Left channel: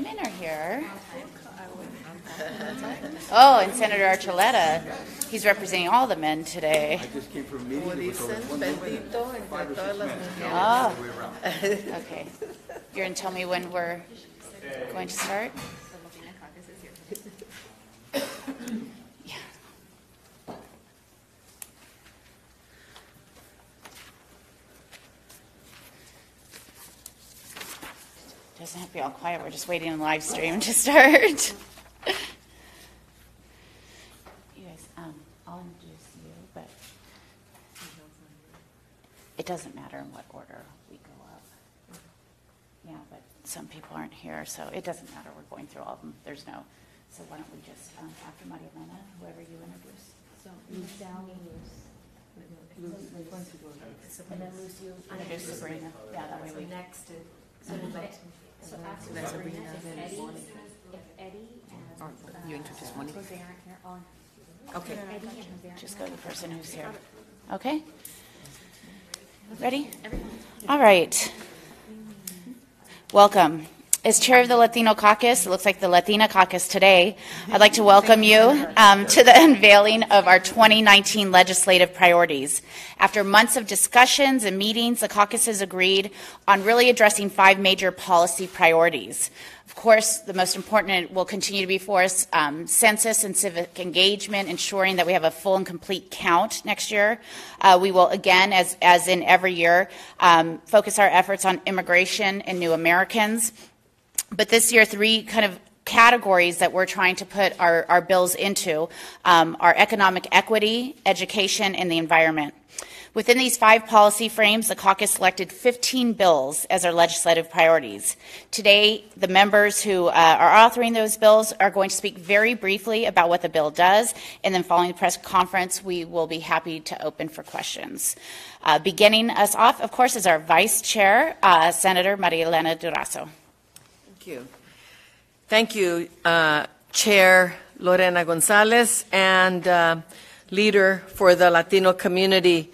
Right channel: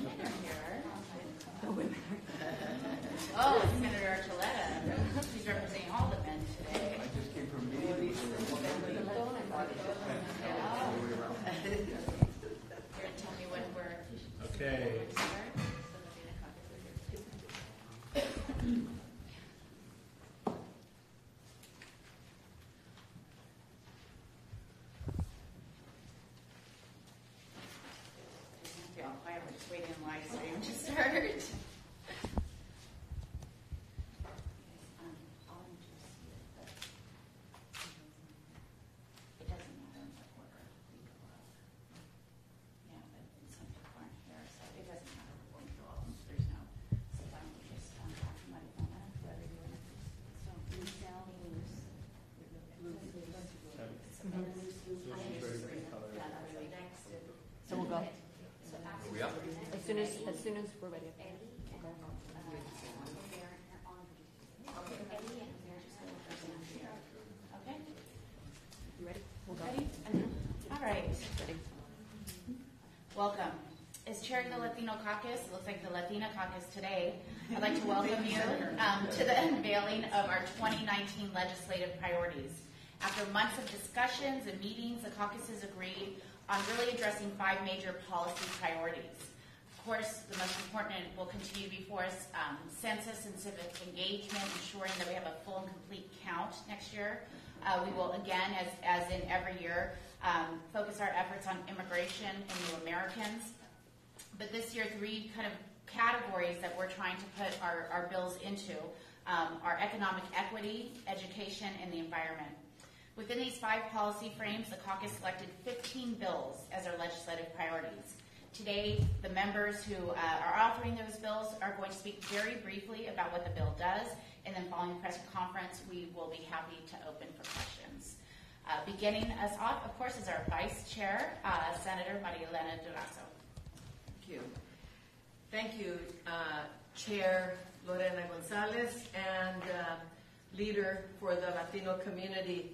women are here. Oh, and Senator Archuleta. He's representing all the men today. I just came from a meeting. Oh, okay. You're going to tell me when we're going to start? Yeah. Doesn't have to be all quiet. We're just waiting on the live stream to start. I'll introduce you, but it doesn't matter in what order we go up. Yeah, but some people aren't here, so it doesn't matter. We're going through all of them. There's no. So why don't we just, after Maria Elena, whoever you introduce. So Lucille, and then Luce, you introduce Sabrina. Yeah, that way we next to. So we'll go. So after Sabrina, as soon as we're with Eddie and you introduce one. Okay. Just go to the person who's here. Okay? Ready? All right. Welcome. As chair of the Latino Caucus, it looks like the Latina Caucus today, I'd like to welcome you to the unveiling of our 2019 legislative priorities. After months of discussions and meetings, the caucus has agreed on really addressing 5 major policy priorities. Of course, the most important will continue to be for us census and civic engagement, ensuring that we have a full and complete count next year. We will, again, as in every year, focus our efforts on immigration and new Americans. But this year, 3 kind of categories that we're trying to put our bills into are economic equity, education, and the environment. Within these 5 policy frames, the caucus selected 15 bills as our legislative priorities. Today, the members who are authoring those bills are going to speak very briefly about what the bill does, and then following the press conference, we will be happy to open for questions. Beginning us off, of course, is our Vice Chair, Senator Maria Elena Durazo. Thank you, Chair Lorena Gonzalez and leader for the Latino community.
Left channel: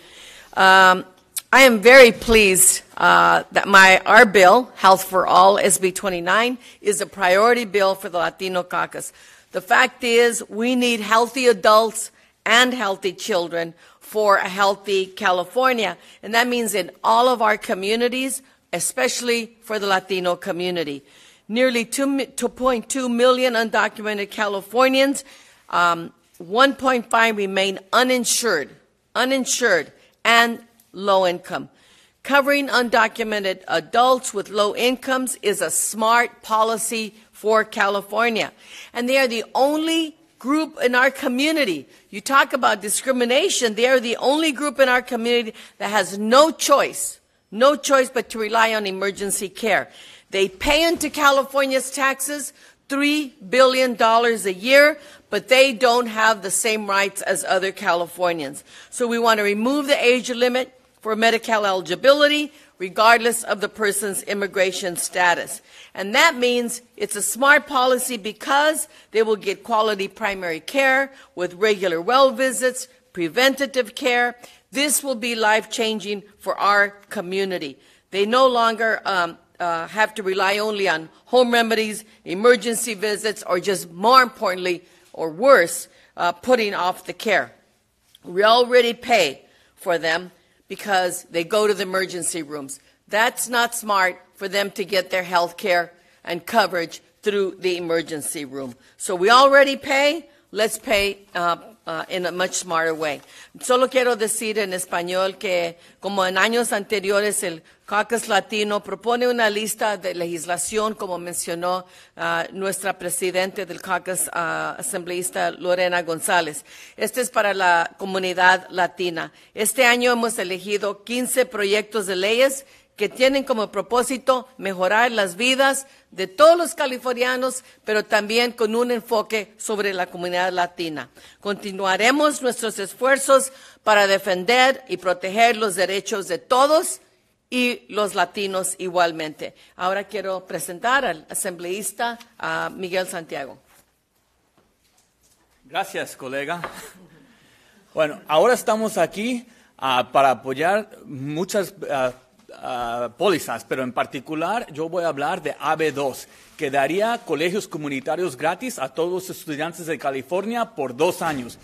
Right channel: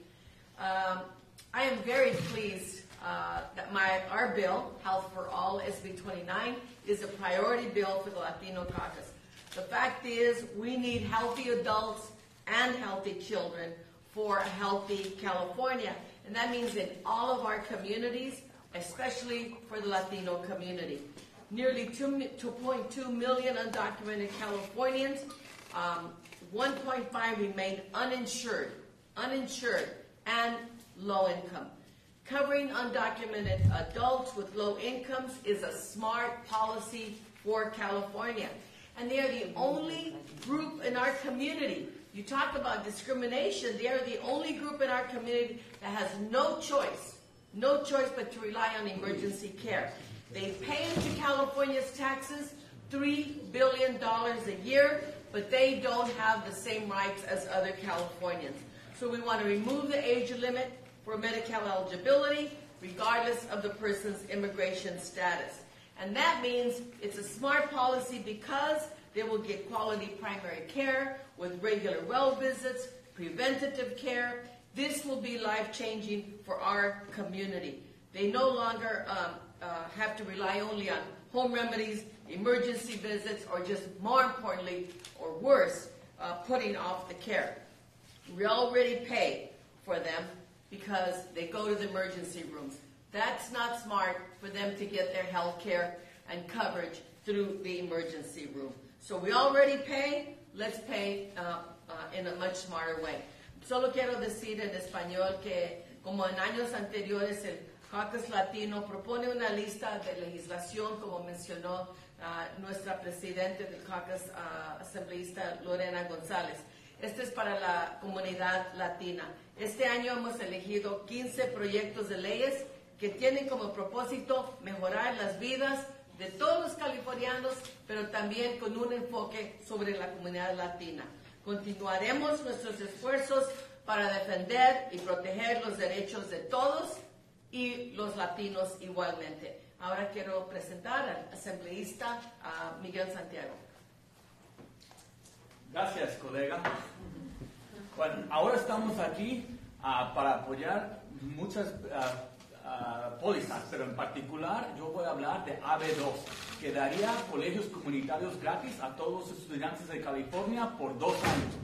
I am very pleased that our bill, Health for All, SB 29, is a priority bill for the Latino caucus. The fact is we need healthy adults and healthy children for a healthy California, and that means in all of our communities, especially for the Latino community. Nearly 2.2 million undocumented Californians, 1.5 remain uninsured, and low income. Covering undocumented adults with low incomes is a smart policy for California. And they are the only group in our community. You talk about discrimination, they are the only group in our community that has no choice but to rely on emergency care. They pay into California's taxes $3 billion a year, but they don't have the same rights as other Californians. So we want to remove the age limit for Medi-Cal eligibility, regardless of the person's immigration status. And that means it's a smart policy because they will get quality primary care with regular well visits, preventative care. This will be life-changing for our community. They no longer have to rely only on home remedies, emergency visits, or just more importantly, or worse, putting off the care. We already pay for them because they go to the emergency rooms. That's not smart for them to get their health care and coverage through the emergency room. So we already pay, let's pay in a much smarter way. Solo quiero decir en español que, como en años anteriores, el Caucus Latino propone una lista de legislación, como mencionó nuestra presidente del Caucus, asambleísta Lorena González. Este es para la comunidad latina. Este año hemos elegido 15 proyectos de leyes que tienen como propósito mejorar las vidas de todos los californianos, pero también con un enfoque sobre la comunidad latina. Continuaremos nuestros esfuerzos para defender y proteger los derechos de todos y los latinos igualmente. Ahora quiero presentar al asambleísta Miguel Santiago. Gracias, colega. Bueno, ahora estamos aquí para apoyar muchas pólizas, pero en particular yo voy a hablar de AB2, que daría colegios comunitarios gratis a todos los estudiantes de California por 2 años.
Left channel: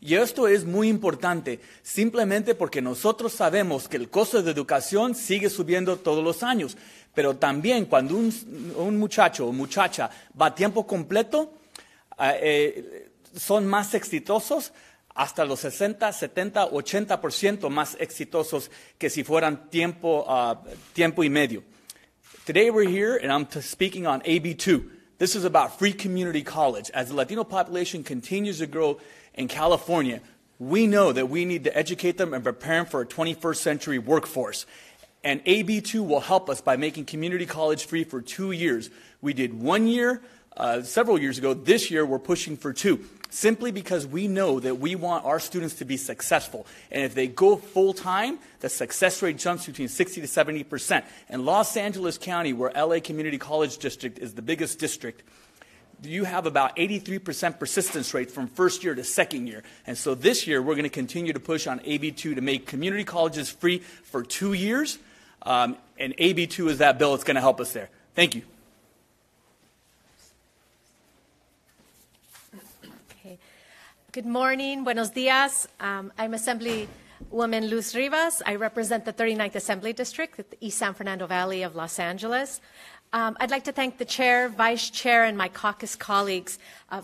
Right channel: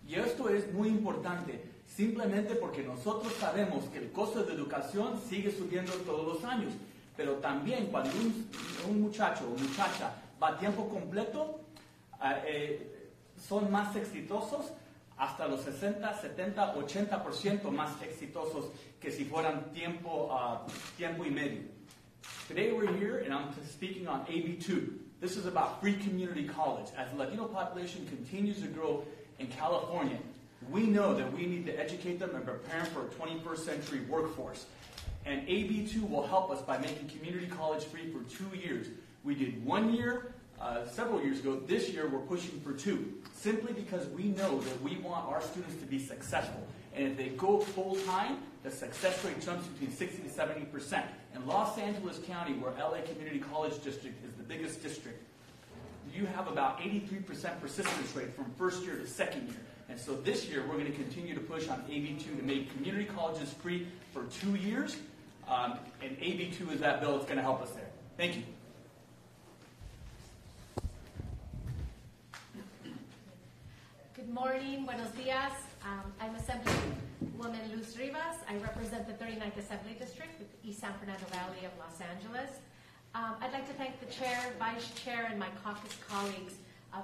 Y esto es muy importante, simplemente porque nosotros sabemos que el costo de educación sigue subiendo todos los años, pero también cuando un muchacho o muchacha va a tiempo completo, son más exitosos, hasta los 60, 70, 80% más exitosos que si fueran tiempo y medio. Today we're here and I'm speaking on AB2. This is about free community college. As the Latino population continues to grow in California, we know that we need to educate them and prepare them for a 21st century workforce. And AB2 will help us by making community college free for 2 years. We did 1 year several years ago. This year we're pushing for 2, simply because we know that we want our students to be successful. And if they go full-time, the success rate jumps between 60 to 70%. In Los Angeles County, where LA Community College District is the biggest district, you have about 83% persistence rate from first year to second year. And so this year, we're going to continue to push on AB2 to make community colleges free for 2 years. And AB2 is that bill that's going to help us there. Thank you. Good morning, buenos dias. I'm Assemblywoman Luz Rivas. I represent the 39th Assembly District at the East San Fernando Valley of Los Angeles. I'd like to thank the Chair, Vice Chair, and my caucus colleagues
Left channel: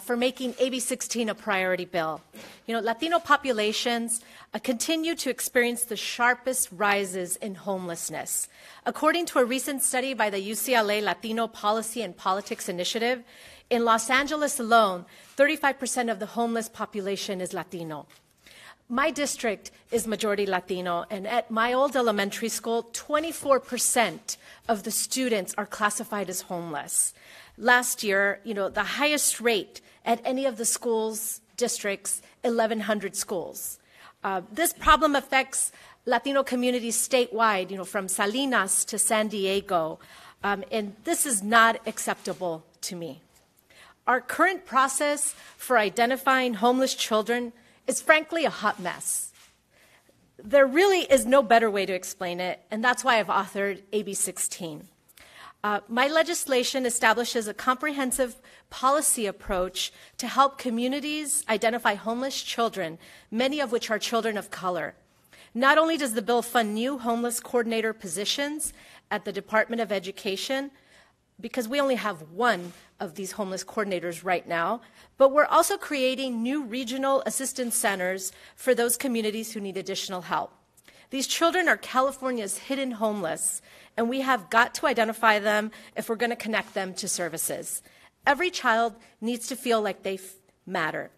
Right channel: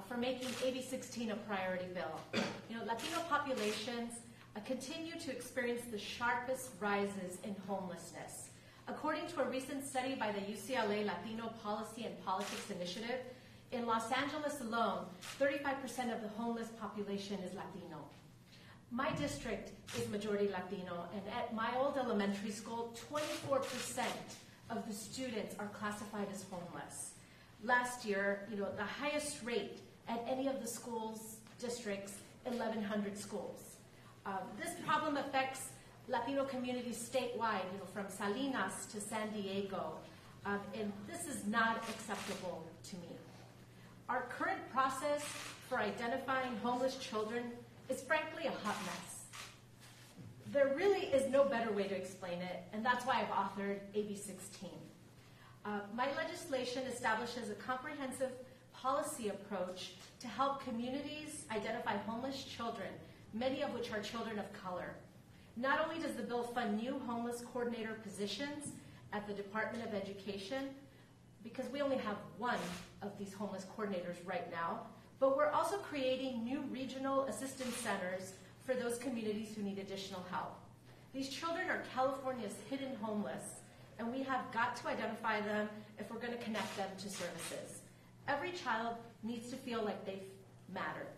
for making AB 16 a priority bill. You know, Latino populations continue to experience the sharpest rises in homelessness. According to a recent study by the UCLA Latino Policy and Politics Initiative, in Los Angeles alone, 35% of the homeless population is Latino. My district is majority Latino, and at my old elementary school, 24% of the students are classified as homeless. Last year, you know, the highest rate at any of the schools, districts, 1,100 schools. This problem affects Latino communities statewide, you know, from Salinas to San Diego, and this is not acceptable to me. Our current process for identifying homeless children is frankly a hot mess. There really is no better way to explain it, and that's why I've authored AB 16. My legislation establishes a comprehensive policy approach to help communities identify homeless children, many of which are children of color. Not only does the bill fund new homeless coordinator positions at the Department of Education, because we only have one of these homeless coordinators right now, but we're also creating new regional assistance centers for those communities who need additional help. These children are California's hidden homeless, and we have got to identify them if we're going to connect them to services. Every child needs to feel like they matter.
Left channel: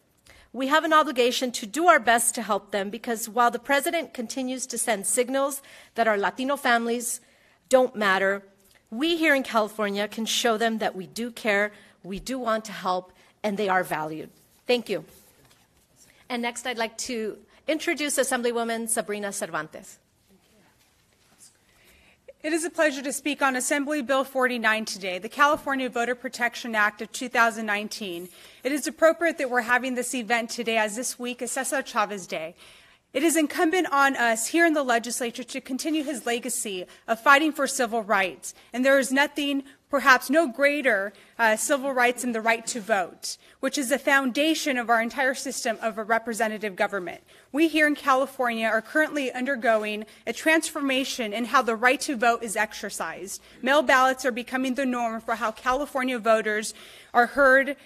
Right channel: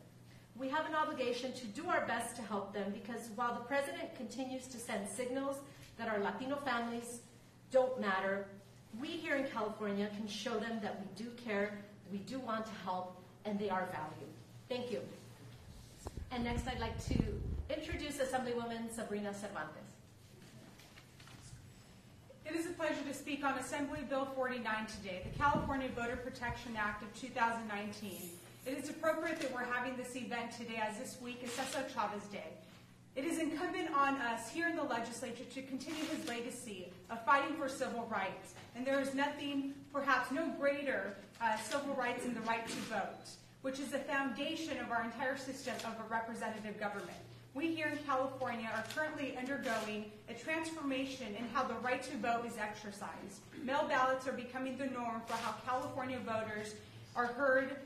We have an obligation to do our best to help them, because while the president continues to send signals that our Latino families don't matter, we here in California can show them that we do care, we do want to help, and they are valued. Thank you. And next, I'd like to introduce Assemblywoman Sabrina Cervantes. It is a pleasure to speak on Assembly Bill 49 today, the California Voter Protection Act of 2019. It is appropriate that we're having this event today, as this week is Cesar Chavez Day. It is incumbent on us here in the legislature to continue his legacy of fighting for civil rights. And there is nothing, perhaps no greater civil rights than the right to vote, which is the foundation of our entire system of a representative government. We here in California are currently undergoing a transformation in how the right to vote is exercised. Mail ballots are becoming the norm for how California voters are heard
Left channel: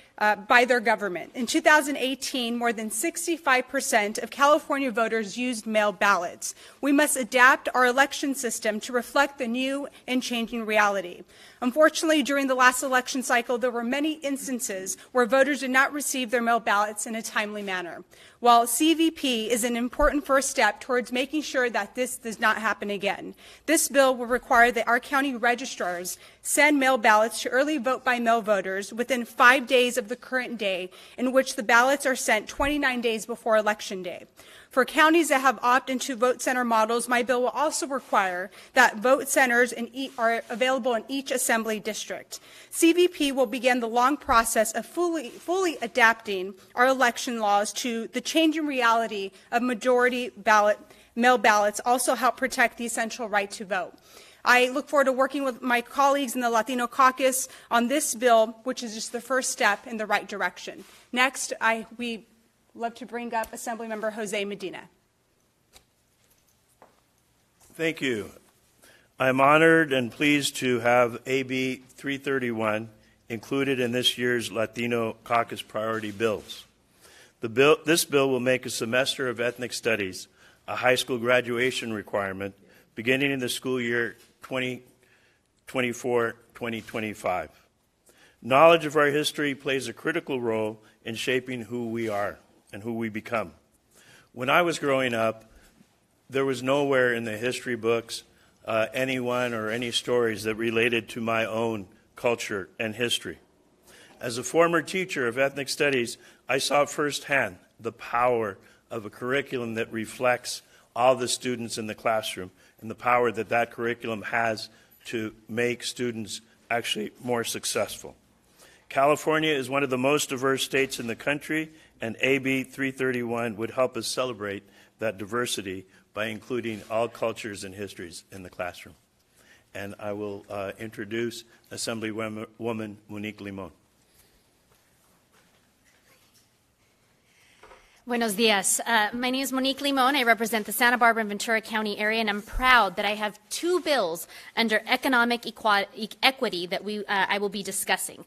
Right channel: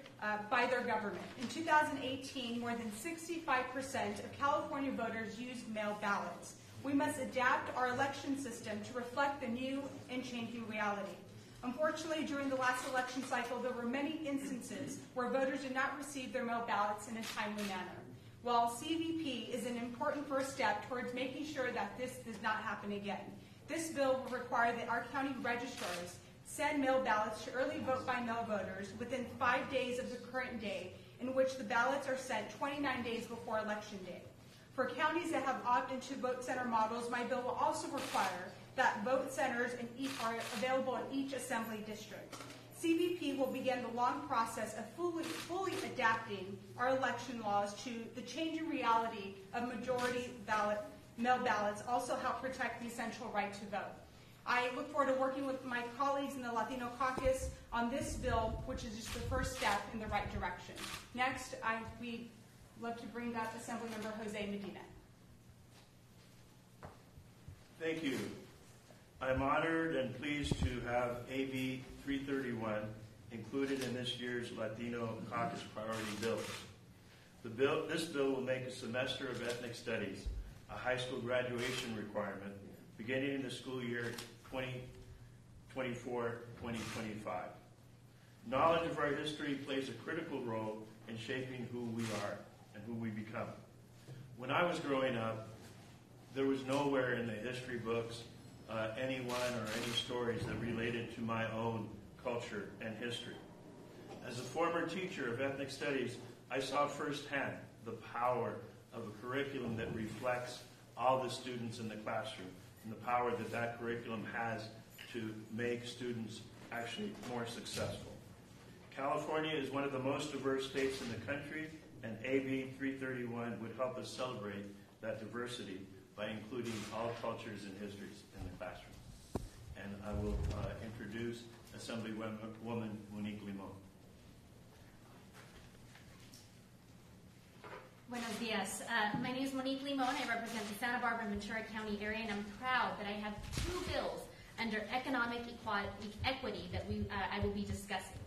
by their government. In 2018, more than 65% of California voters used mail ballots. We must adapt our election system to reflect the new and changing reality. Unfortunately, during the last election cycle, there were many instances where voters did not receive their mail ballots in a timely manner. While CVP is an important first step towards making sure that this does not happen again, this bill will require that our county registrars send mail ballots to early vote by mail voters within 5 days of the current day, in which the ballots are sent 29 days before Election Day. For counties that have opt-into vote center models, my bill will also require that vote centers are available in each assembly district. CVP will begin the long process of fully adapting our election laws to the changing reality of majority mail ballots, also help protect the essential right to vote. I look forward to working with my colleagues in the Latino Caucus on this bill, which is just the first step in the right direction. Next, we love to bring up Assemblymember Jose Medina. Thank you. I'm honored and pleased to have AB 331 included in this year's Latino Caucus priority bills. This bill will make a semester of ethnic studies a high school graduation requirement beginning in the school year 2024-2025. Knowledge of our history plays a critical role in shaping who we are and who we become. When I was growing up, there was nowhere in the history books anyone or any stories that related to my own culture and history. As a former teacher of ethnic studies, I saw firsthand the power of a curriculum that reflects all the students in the classroom and the power that that curriculum has to make students actually more successful. California is one of the most diverse states in the country, and AB 331 would help us celebrate that diversity by including all cultures and histories in the classroom. And I will introduce Assemblywoman Monique Limon. Buenos dias. My name is Monique Limon. I represent the Santa Barbara and Ventura County area, and I'm proud that I have two bills under economic equity that I will be discussing.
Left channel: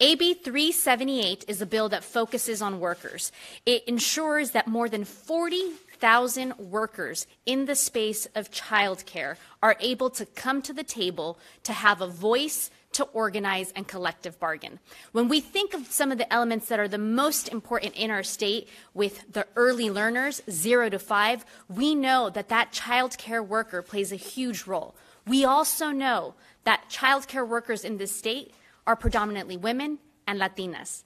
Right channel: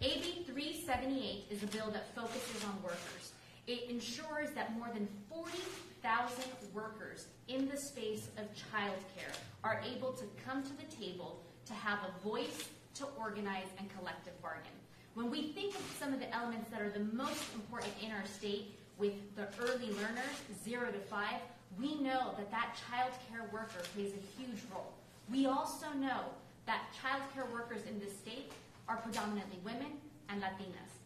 AB 378 is a bill that focuses on workers. It ensures that more than 40,000 workers in the space of childcare are able to come to the table to have a voice, to organize, and collective bargain. When we think of some of the elements that are the most important in our state with the early learners, 0 to 5, we know that that child care worker plays a huge role. We also know that child care workers in this state are predominantly women and Latinas.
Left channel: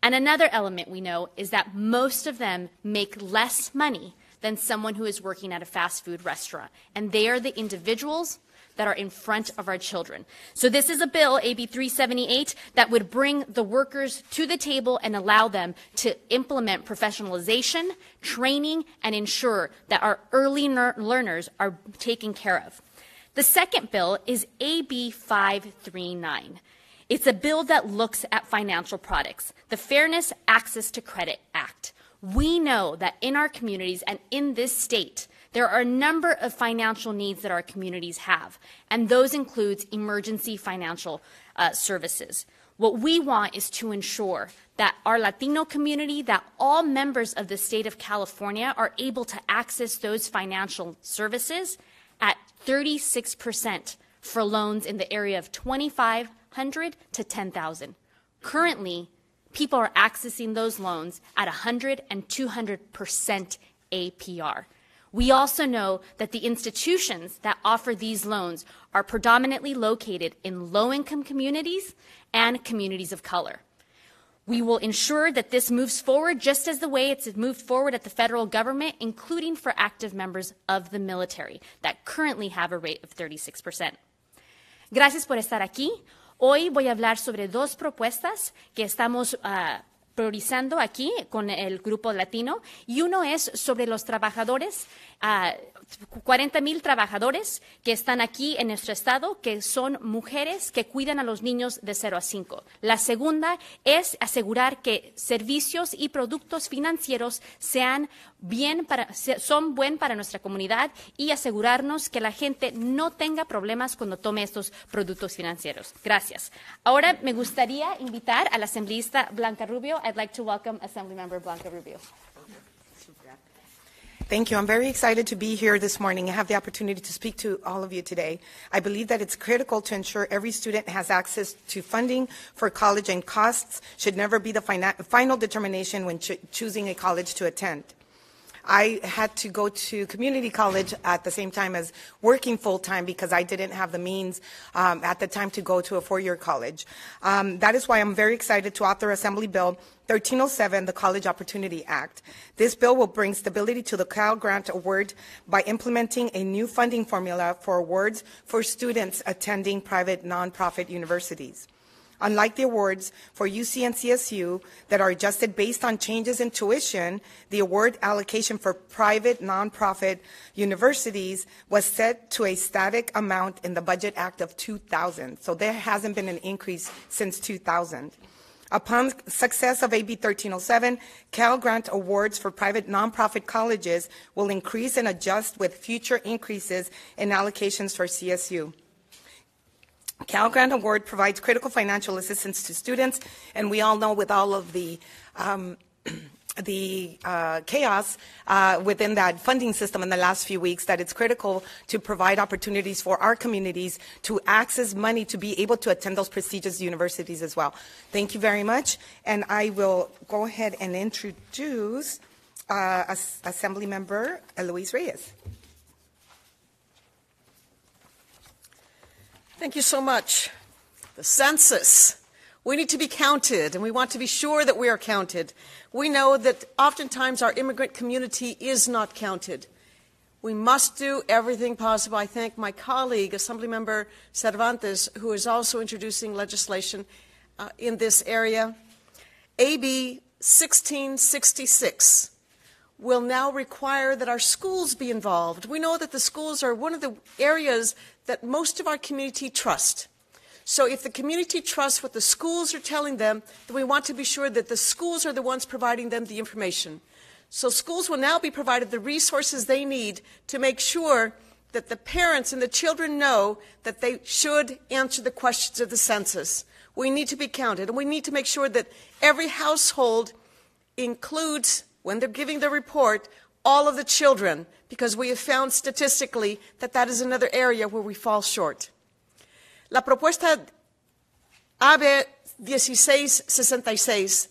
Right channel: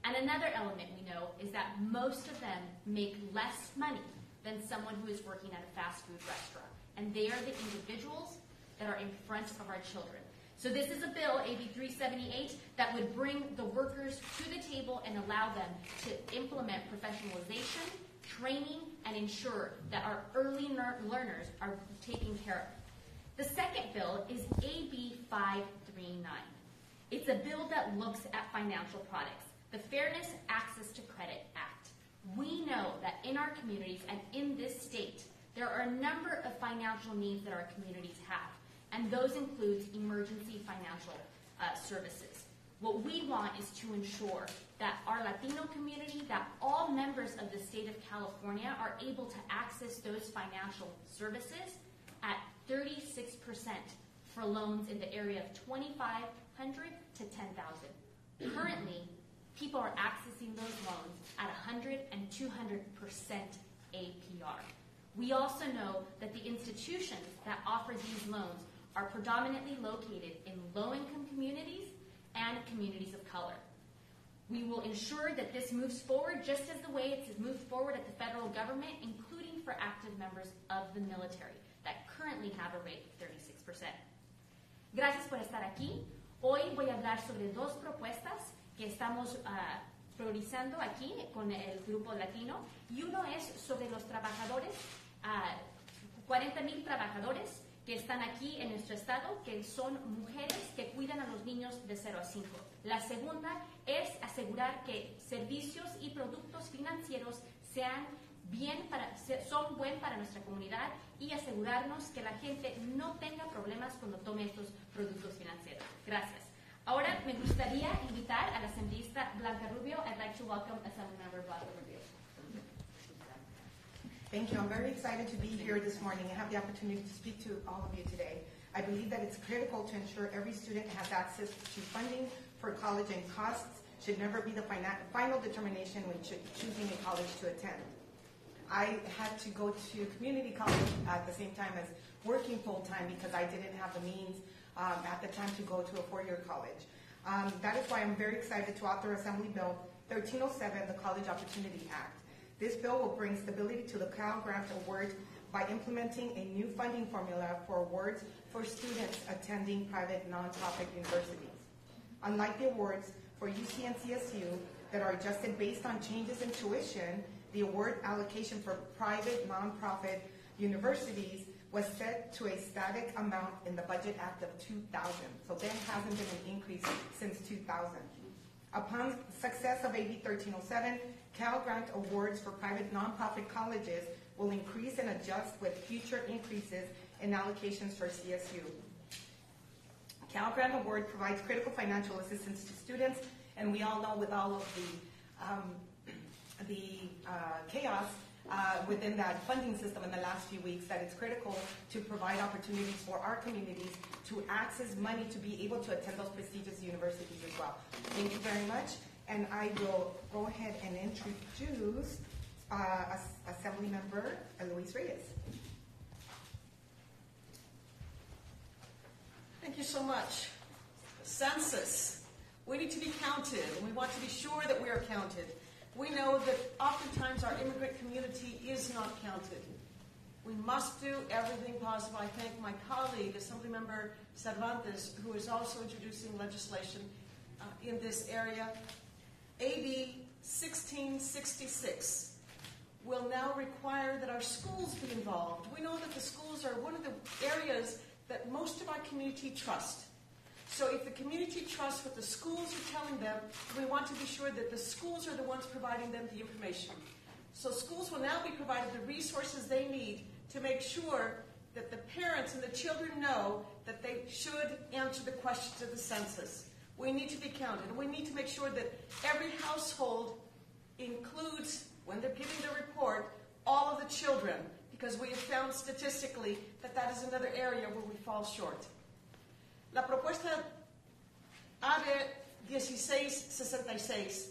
And another element we know is that most of them make less money than someone who is working at a fast food restaurant. And they are the individuals that are in front of our children. So this is a bill, AB 378, that would bring the workers to the table and allow them to implement professionalization, training, and ensure that our early learners are taken care of. The second bill is AB 539. It's a bill that looks at financial products, the Fairness Access to Credit Act. We know that in our communities and in this state, there are a number of financial needs that our communities have, and those include emergency financial services. What we want is to ensure that our Latino community, that all members of the state of California are able to access those financial services at 36% for loans in the area of $2,500 to $10,000. Currently, people are accessing those loans at 100 and 200% APR. We also know that the institutions that offer these loans are predominantly located in low-income communities and communities of color. We will ensure that this moves forward just as the way it's moved forward at the federal government, including for active members of the military that currently have a rate of 36%. Gracias por estar aquí. Hoy voy a hablar sobre dos propuestas que estamos priorizando aquí con el grupo latino, y uno es sobre los trabajadores, 40,000 trabajadores que están aquí en nuestro estado, que son mujeres que cuidan a los niños de 0 a 5. La segunda es asegurar que servicios y productos financieros son buenos para nuestra comunidad y asegurarnos que la gente no tenga problemas cuando tome estos productos financieros. Gracias. Ahora me gustaría invitar a la asambleísta Blanca Rubio. I'd like to welcome Assemblymember Blanca Rubio. Thank you. I'm very excited to be here this morning and have the opportunity to speak to all of you today. I believe that it's critical to ensure every student has access to funding for college, and costs should never be the final determination when choosing a college to attend. I had to go to community college at the same time as working full-time because I didn't have the means at the time to go to a four-year college. That is why I'm very excited to author Assembly Bill 1307, the College Opportunity Act. This bill will bring stability to the Cal Grant Award by implementing a new funding formula for awards for students attending private nonprofit universities. Unlike the awards for UC and CSU that are adjusted based on changes in tuition, the award allocation for private nonprofit universities was set to a static amount in the Budget Act of 2000. So there hasn't been an increase since 2000. Upon success of AB 1307, Cal Grant awards for private nonprofit colleges will increase and adjust with future increases in allocations for CSU. Cal Grant Award provides critical financial assistance to students, and we all know with all of the chaos within that funding system in the last few weeks that it's critical to provide opportunities for our communities to access money to be able to attend those prestigious universities as well. Thank you very much, and I will go ahead and introduce Assemblymember Luis Reyes. Thank you so much. The census. We need to be counted, and we want to be sure that we are counted. We know that oftentimes our immigrant community is not counted. We must do everything possible. I thank my colleague, Assemblymember Cervantes, who is also introducing legislation in this area. AB 1666 will now require that our schools be involved. We know that the schools are one of the areas that most of our community trust. So if the community trusts what the schools are telling them, then we want to be sure that the schools are the ones providing them the information. So schools will now be provided the resources they need to make sure that the parents and the children know that they should answer the questions of the census. We need to be counted, and we need to make sure that every household includes, when they're giving their report, all of the children, because we have found statistically that that is another area where we fall short. La propuesta AB 1666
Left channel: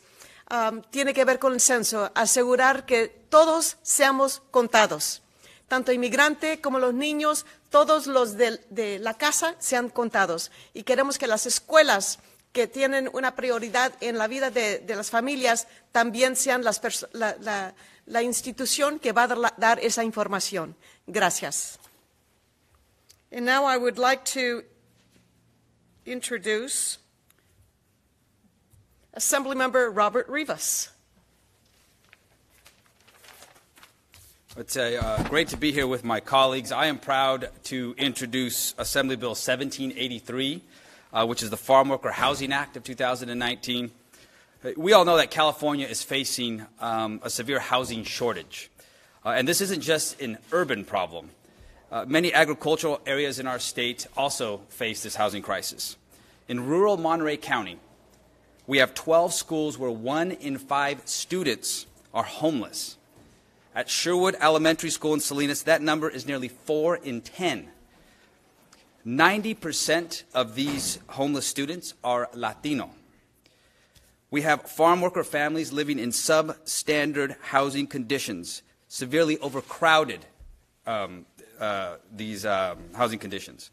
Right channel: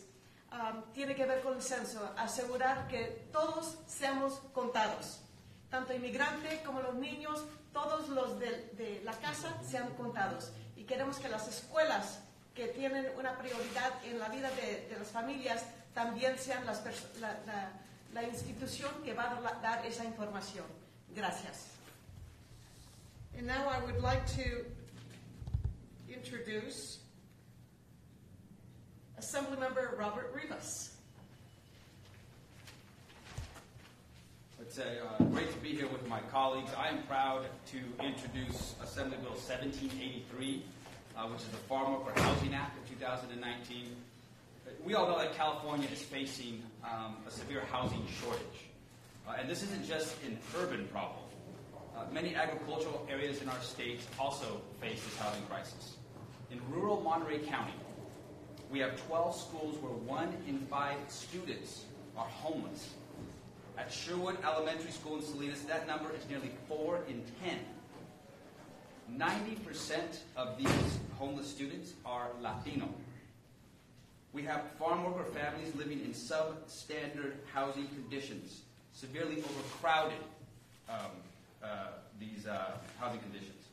tiene que ver con el censo, asegurar que todos seamos contados, tanto inmigrante como los niños, todos los de la casa sean contados. Y queremos que las escuelas que tienen una prioridad en la vida de las familias también sean la institución que va a dar esa información. Gracias. And now I would like to introduce Assemblymember Robert Rivas. It's great to be here with my colleagues. I am proud to introduce Assembly Bill 1783, which is the Farm Worker Housing Act of 2019. We all know that California is facing a severe housing shortage. And this isn't just an urban problem. Many agricultural areas in our state also face this housing crisis. In rural Monterey County, we have 12 schools where 1 in 5 students are homeless. At Sherwood Elementary School in Salinas, that number is nearly 4 in 10. 90% of these homeless students are Latino. We have farm worker families living in substandard housing conditions, severely overcrowded housing conditions.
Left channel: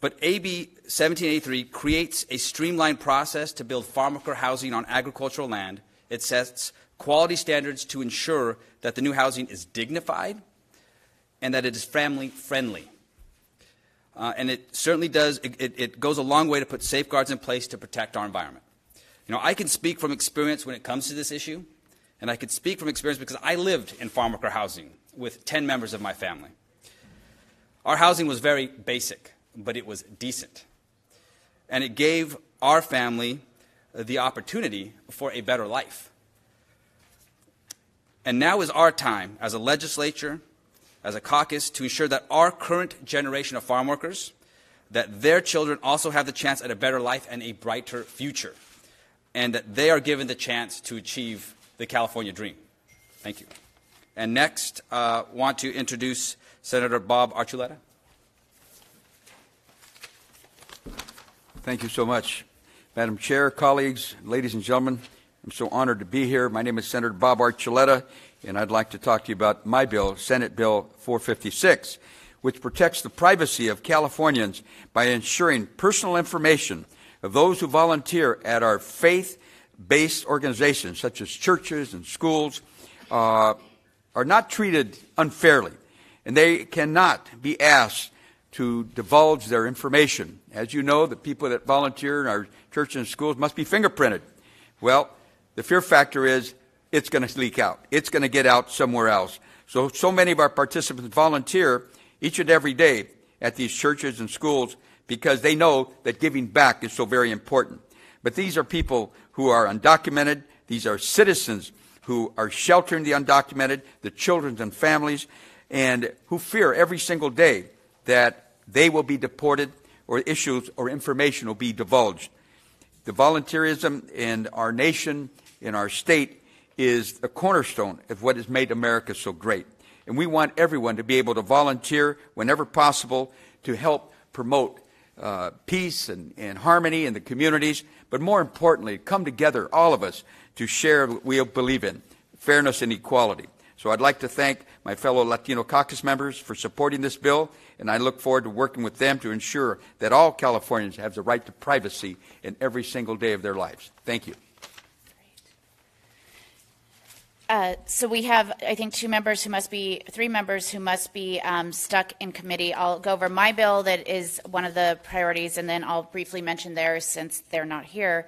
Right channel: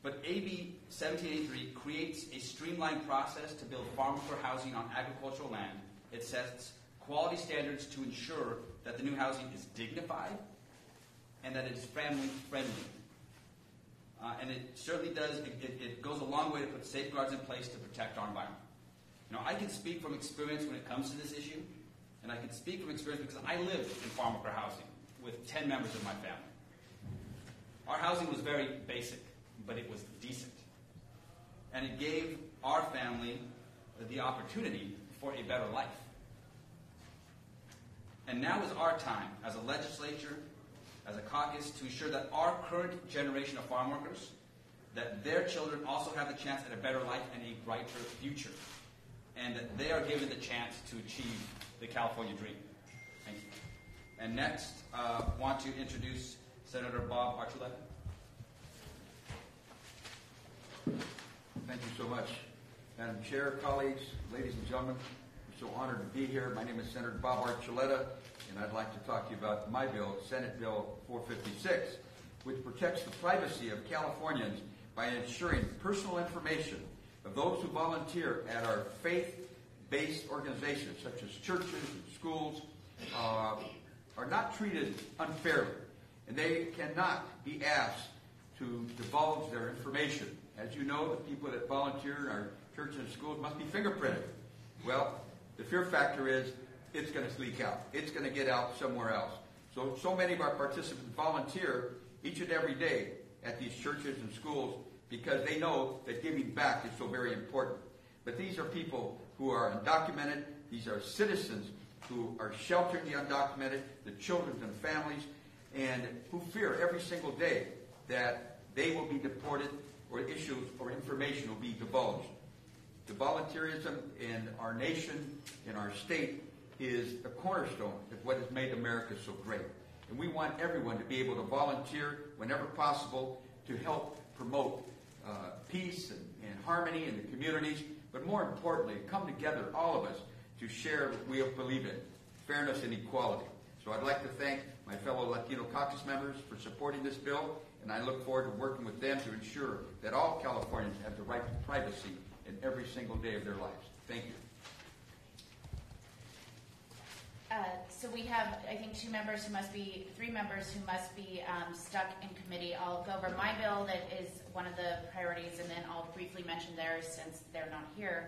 But AB 1783 creates a streamlined process to build farm worker housing on agricultural land. It sets quality standards to ensure that the new housing is dignified and that it is family-friendly. And it certainly does, it goes a long way to put safeguards in place to protect our environment. You know, I can speak from experience when it comes to this issue, and I can speak from experience because I lived in farm worker housing with 10 members of my family. Our housing was very basic, but it was decent. And it gave our family the opportunity for a better life. And now is our time as a legislature, as a caucus, to ensure that our current generation of farm workers, that their children also have the chance at a better life and a brighter future, and that they are given the chance to achieve the California dream. Thank you. And next, want to introduce Senator Bob Archuleta. Thank you so much. Madam Chair, colleagues, ladies and gentlemen, I'm so honored to be here. My name is Senator Bob Archuleta, and I'd like to talk to you about my bill, Senate Bill 456, which protects the privacy of Californians by ensuring personal information of those who volunteer at our faith-based organizations, such as churches and schools, are not treated unfairly, and they cannot be asked to divulge their information As you know, the people that volunteer in our churches and schools must be fingerprinted. Well, the fear factor is it's going to leak out. It's going to get out somewhere else. So many of our participants volunteer each and every day at these churches and schools because they know that giving back is so very important. But these are people who are undocumented. These are citizens who are sheltering the undocumented, the children and families, and who fear every single day that they will be deported or issues or information will be divulged. The volunteerism in our nation, in our state, is a cornerstone of what has made America so great. And we want everyone to be able to volunteer whenever possible to help promote peace and harmony in the communities, but more importantly, come together, all of us, to share what we believe in, fairness and equality. So I'd like to thank my fellow Latino Caucus members for supporting this bill, and I look forward to working with them to ensure that all Californians have the right to privacy in every single day of their lives. Thank you. So we have, I think, three members who must be stuck in committee. I'll go over my bill that is one of the priorities, and then I'll briefly mention theirs since they're not here.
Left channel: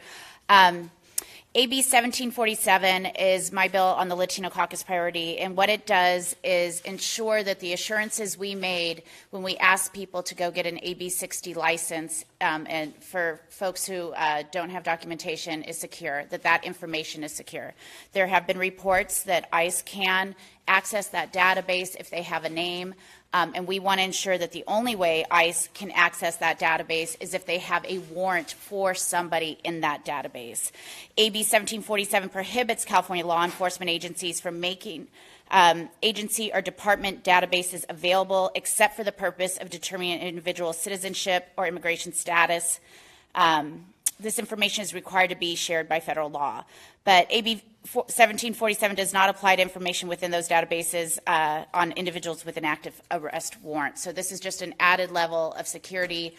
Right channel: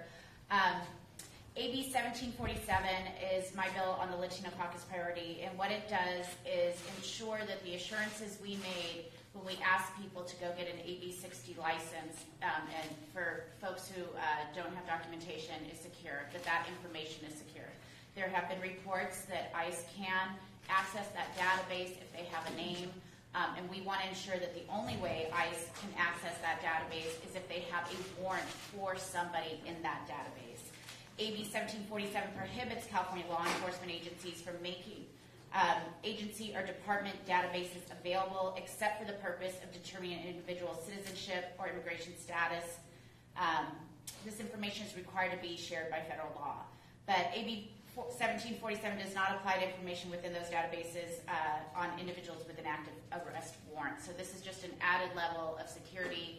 AB 1747 is my bill on the Latino Caucus priority, and what it does is ensure that the assurances we made when we asked people to go get an AB 60 license, and for folks who don't have documentation, is secure, that information is secure. There have been reports that ICE can access that database if they have a name, and we want to ensure that the only way ICE can access that database is if they have a warrant for somebody in that database. AB 1747 prohibits California law enforcement agencies from making agency or department databases available except for the purpose of determining an individual's citizenship or immigration status. This information is required to be shared by federal law. But AB 1747 does not apply to information within those databases on individuals with an active arrest warrant. So this is just an added level of security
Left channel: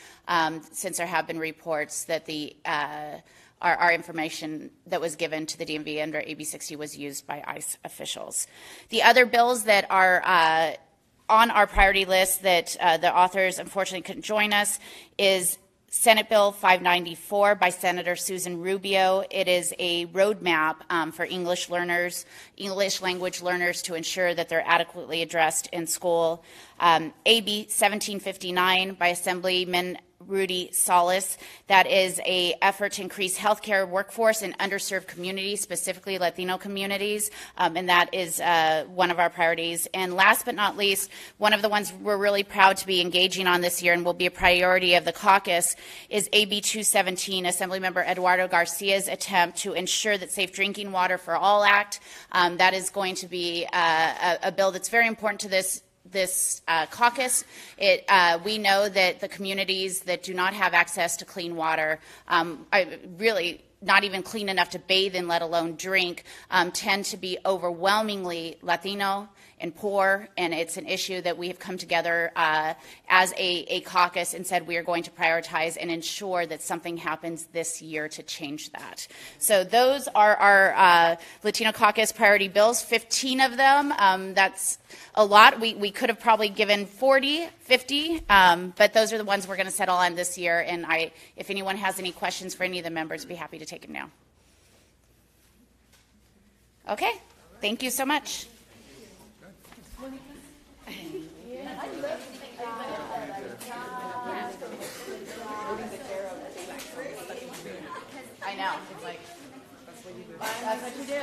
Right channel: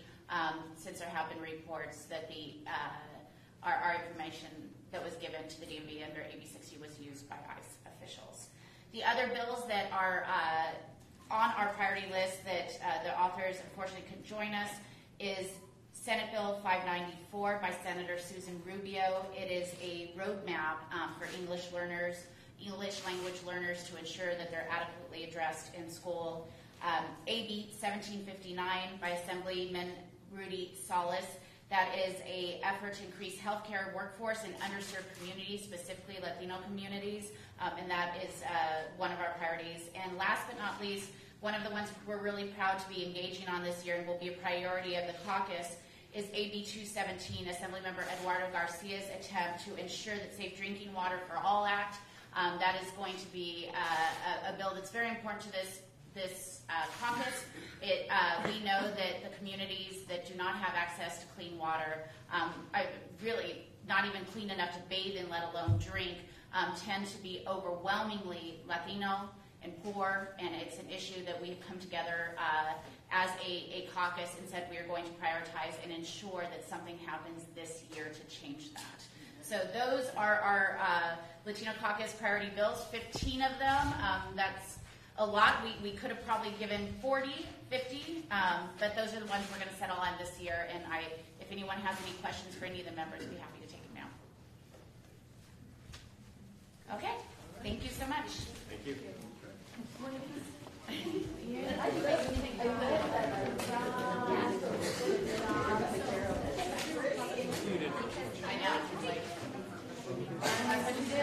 since there have been reports that our information that was given to the DMV under AB 60 was used by ICE officials. The other bills that are on our priority list that the authors unfortunately couldn't join us is Senate Bill 594 by Senator Susan Rubio. It is a roadmap for English language learners to ensure that they're adequately addressed in school. AB 1759 by Assemblyman Rudy Salas. That is an effort to increase healthcare workforce in underserved communities, specifically Latino communities, and that is one of our priorities. And last but not least, one of the ones we're really proud to be engaging on this year and will be a priority of the caucus is AB 217, Assemblymember Eduardo Garcia's attempt to ensure that Safe Drinking Water for All Act. That is going to be a bill that's very important to this caucus. We know that the communities that do not have access to clean water, really not even clean enough to bathe in, let alone drink, tend to be overwhelmingly Latino and poor, and it's an issue that we have come together as a caucus and said we are going to prioritize and ensure that something happens this year to change that. So those are our Latino Caucus priority bills, 15 of them. That's a lot. We could have probably given 40, 50, but those are the ones we're going to settle on this year, and if anyone has any questions for any of the members, I'd be happy to take them now. Okay, thank you so much. I know. It's like, what do you do?